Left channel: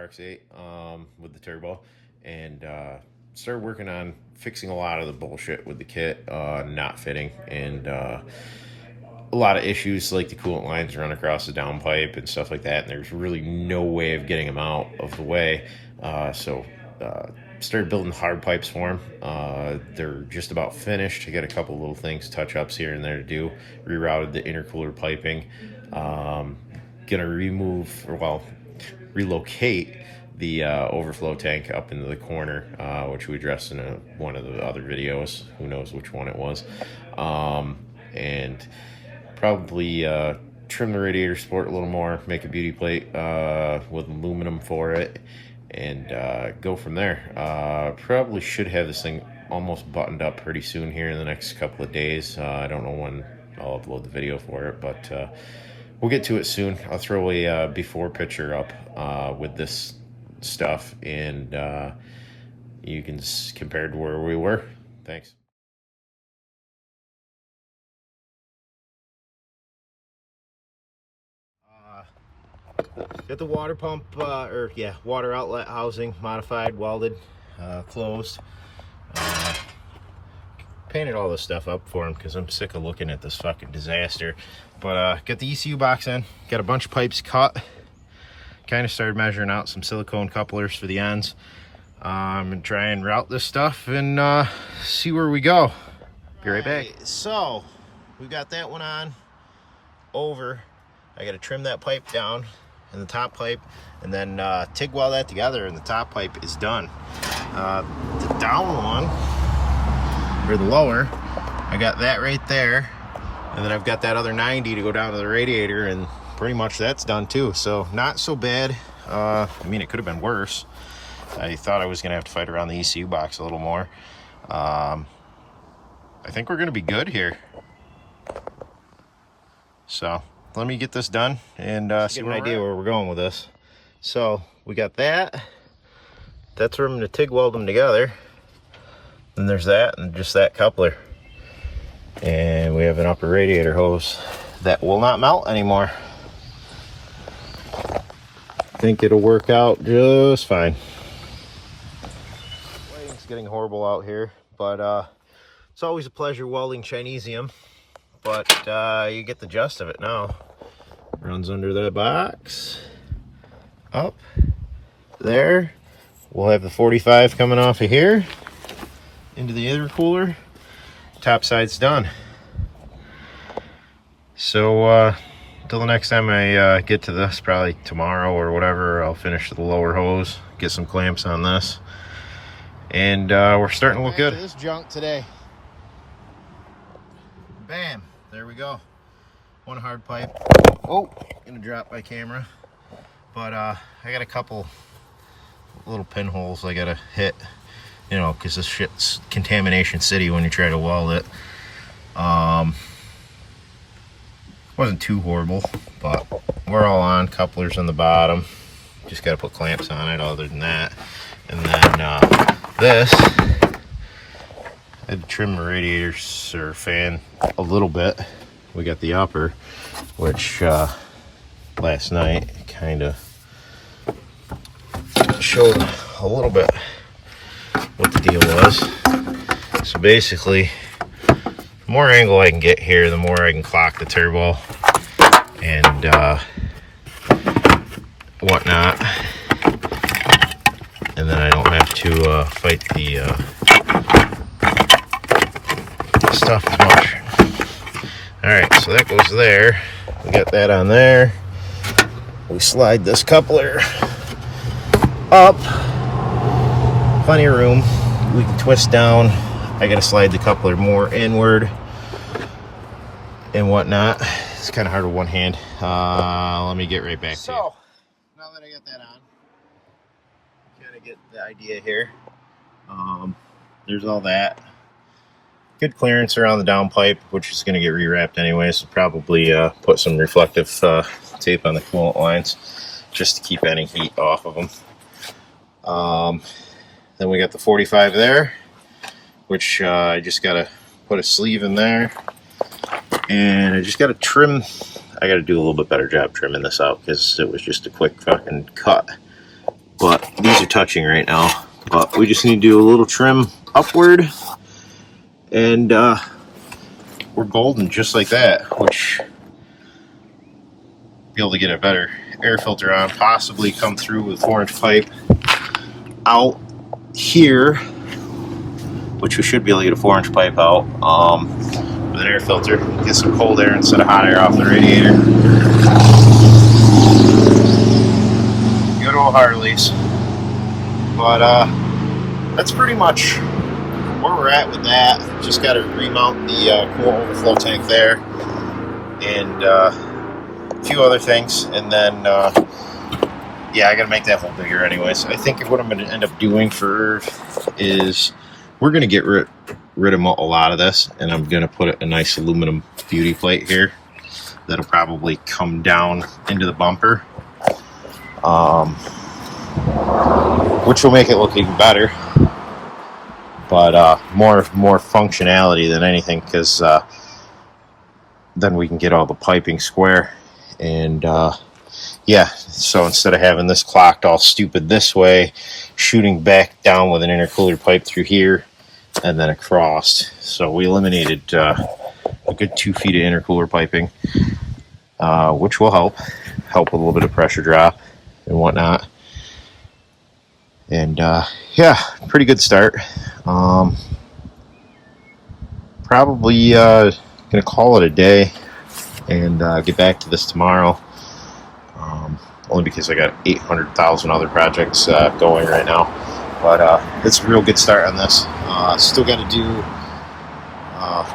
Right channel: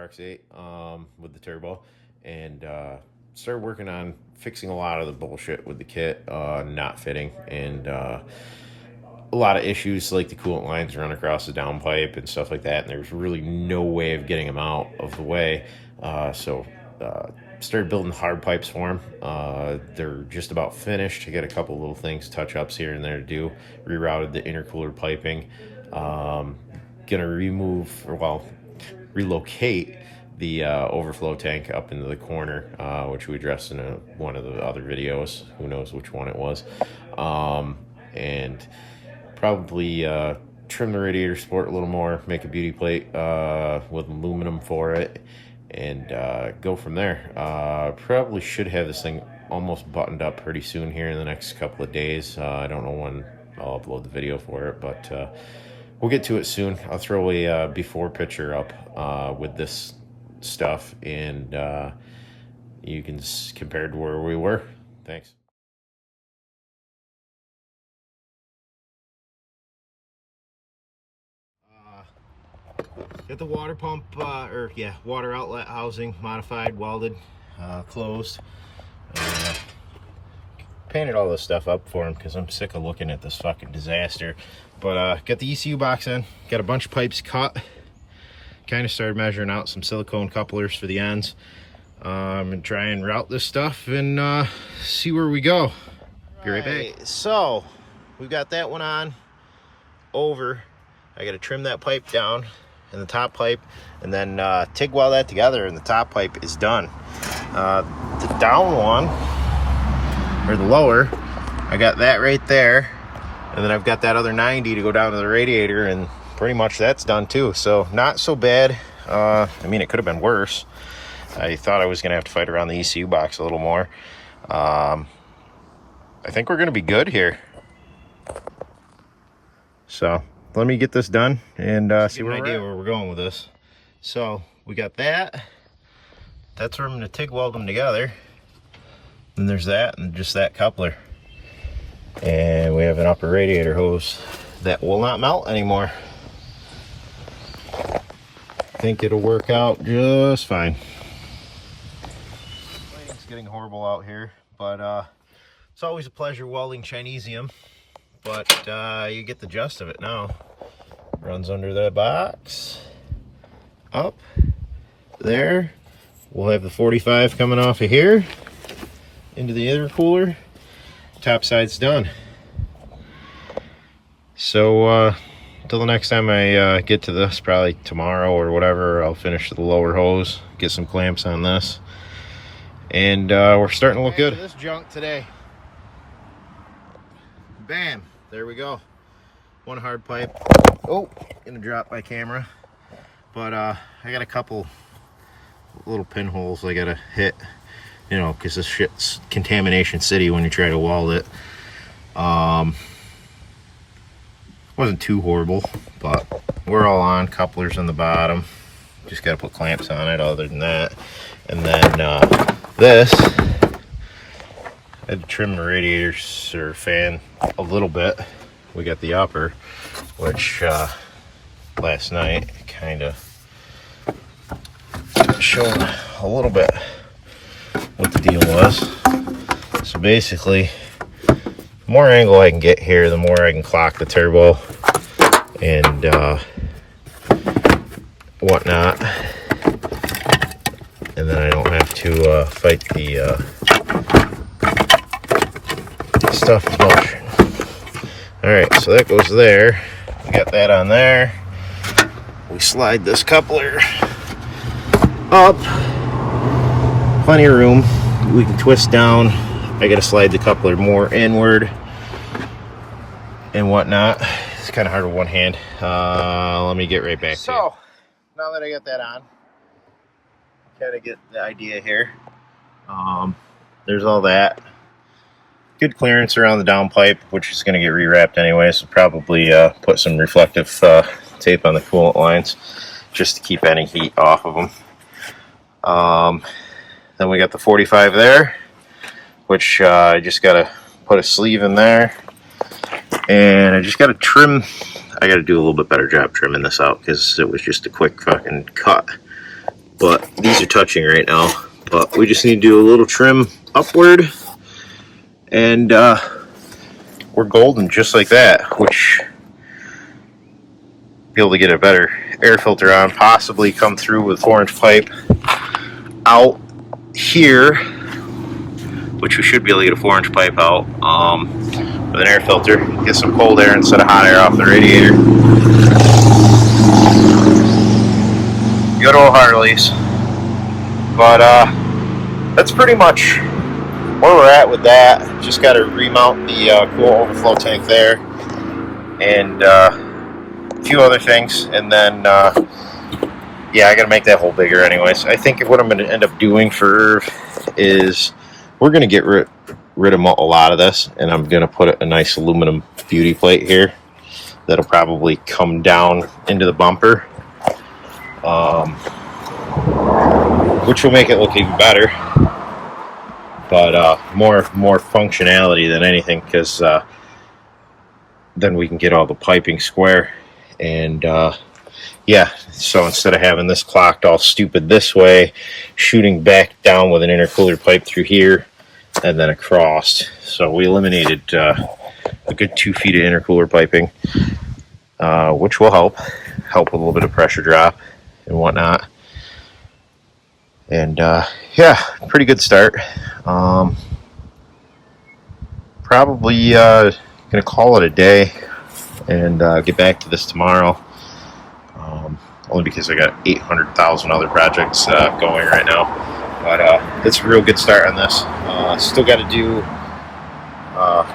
Rx8 with the turbo, and started working on fixing a lot of the bullshit with the kit not fitting, and a lot of issues like the coolant lines run across the downpipe and stuff like that, and there's really no way of getting them out of the way. So started building hard pipes for them. They're just about finished. I got a couple little things, touch-ups here and there to do. Rerouted the intercooler piping. Gonna relocate the overflow tank up into the corner, which we addressed in one of the other videos. Who knows which one it was. And probably trim the radiator support a little more, make a beauty plate with aluminum for it, and go from there. Probably should have this thing almost buttoned up pretty soon here in the next couple of days. I don't know when I'll upload the video for it, but we'll get to it soon. I'll throw a before picture up with this stuff, and you can compare to where we were. Thanks. Got the water pump, water outlet housing modified, welded, closed. Painted all this stuff up for him because I'm sick of looking at this fucking disaster. But got the ECU box in, got a bunch of pipes cut. Kind of started measuring out some silicone couplers for the ends. And try and route this stuff and see where we go. Be right back. So we've got that one on over. I got to trim that pipe down and the top pipe, and then TIG weld that together, and the top pipe is done. The down one, or the lower, I got that right there, and then I've got that other 90 to go down to the radiator, and pretty much that's done too. So not so bad. I mean, it could have been worse. I thought I was gonna have to fight around the ECU box a little more. I think we're gonna be good here. So let me get this done and see what idea where we're going with this. So we got that. That's where I'm going to TIG weld them together. Then there's that and just that coupler. And we have an upper radiator hose that will not melt anymore. I think it'll work out just fine. Lighting's getting horrible out here, but it's always a pleasure welding Chinesium. But you get the gist of it now. Runs under the box, up there. We'll have the 45 coming off of here into the intercooler. Top side's done. So until the next time I get to this, probably tomorrow or whatever, I'll finish the lower hose, get some clamps on this, and we're starting to look good. This junk today. Bam, there we go. One hard pipe. Oh, gonna drop my camera. But I got a couple little pinholes I gotta hit, you know, because this shit's contamination city when you try to weld it. Wasn't too horrible, but we're all on. Couplers on the bottom. Just gotta put clamps on it other than that. And then this, I had to trim the radiators or fan a little bit. We got the upper, which last night kind of showed a little bit what the deal was. So basically, the more angle I can get here, the more I can clock the turbo and whatnot. And then I don't have to fight the stuff as much. Alright, so that goes there. We got that on there. We slide this coupler up. Plenty of room. We can twist down. I gotta slide the coupler more inward and whatnot. It's kind of hard with one hand. Let me get right back to you. So, now that I got that on, kind of get the idea here. There's all that. Good clearance around the downpipe, which is going to get rewrapped anyway, so probably put some reflective tape on the coolant lines just to keep any heat off of them. Then we got the 45 there, which I just got to put a sleeve in there, and I just got to trim. I got to do a little bit better job trimming this out because it was just a quick fucking cut. but these are touching right now. But we just need to do a little trim upward, and we're golden just like that, which be able to get a better air filter on, possibly come through with 4-inch pipe out here, which we should be able to get a 4-inch pipe out with an air filter, get some cold air instead of hot air off the radiator. Good old Harleys. But that's pretty much where we're at with that. Just got to remount the cool overflow tank there, and a few other things, and then yeah, I got to make that hole bigger anyways. I think what I'm going to end up doing for is we're going to get rid of a lot of this, and I'm going to put a nice aluminum beauty plate here that'll probably come down into the bumper, which will make it look even better, but more functionality than anything, because then we can get all the piping square. And yeah, so instead of having this clocked all stupid this way, shooting back down with an intercooler pipe through here and then across, so we eliminated a good 2 feet of intercooler piping, which will help with a little bit of pressure drop and whatnot. And yeah, pretty good start. Probably gonna call it a day and get back to this tomorrow, only because I got 800,000 other projects going right now. But it's a real good start on this. Still got to do,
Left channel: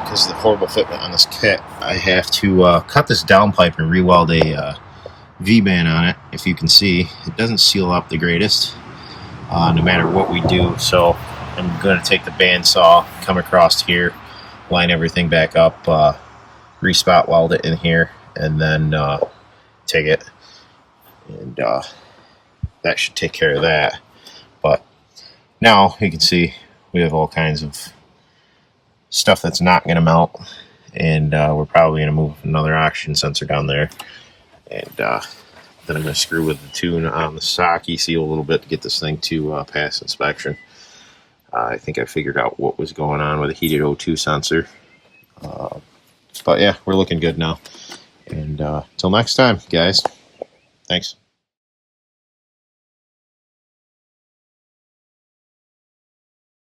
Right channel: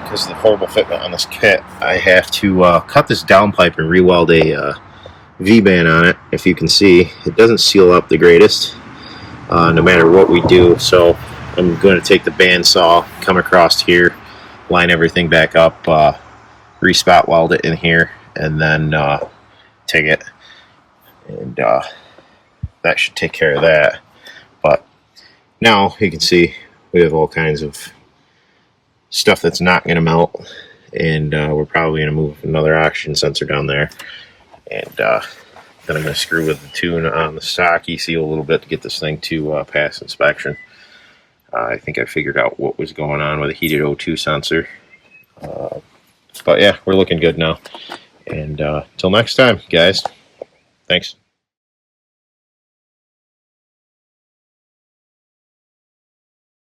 because of the horrible fitment on this kit, I have to cut this down pipe and re-weld a V-band on it. If you can see, it doesn't seal up the greatest, no matter what we do. So I'm going to take the bandsaw, come across here, line everything back up, re-spot weld it in here, and then take it, and that should take care of that. But now you can see we have all kinds of stuff that's not going to melt, and we're probably going to move another oxygen sensor down there, and then I'm going to screw with the tune on the stock ECU a little bit to get this thing to pass inspection. I think I figured out what was going on with a heated O2 sensor. But yeah, we're looking good now. And till next time, guys. Thanks.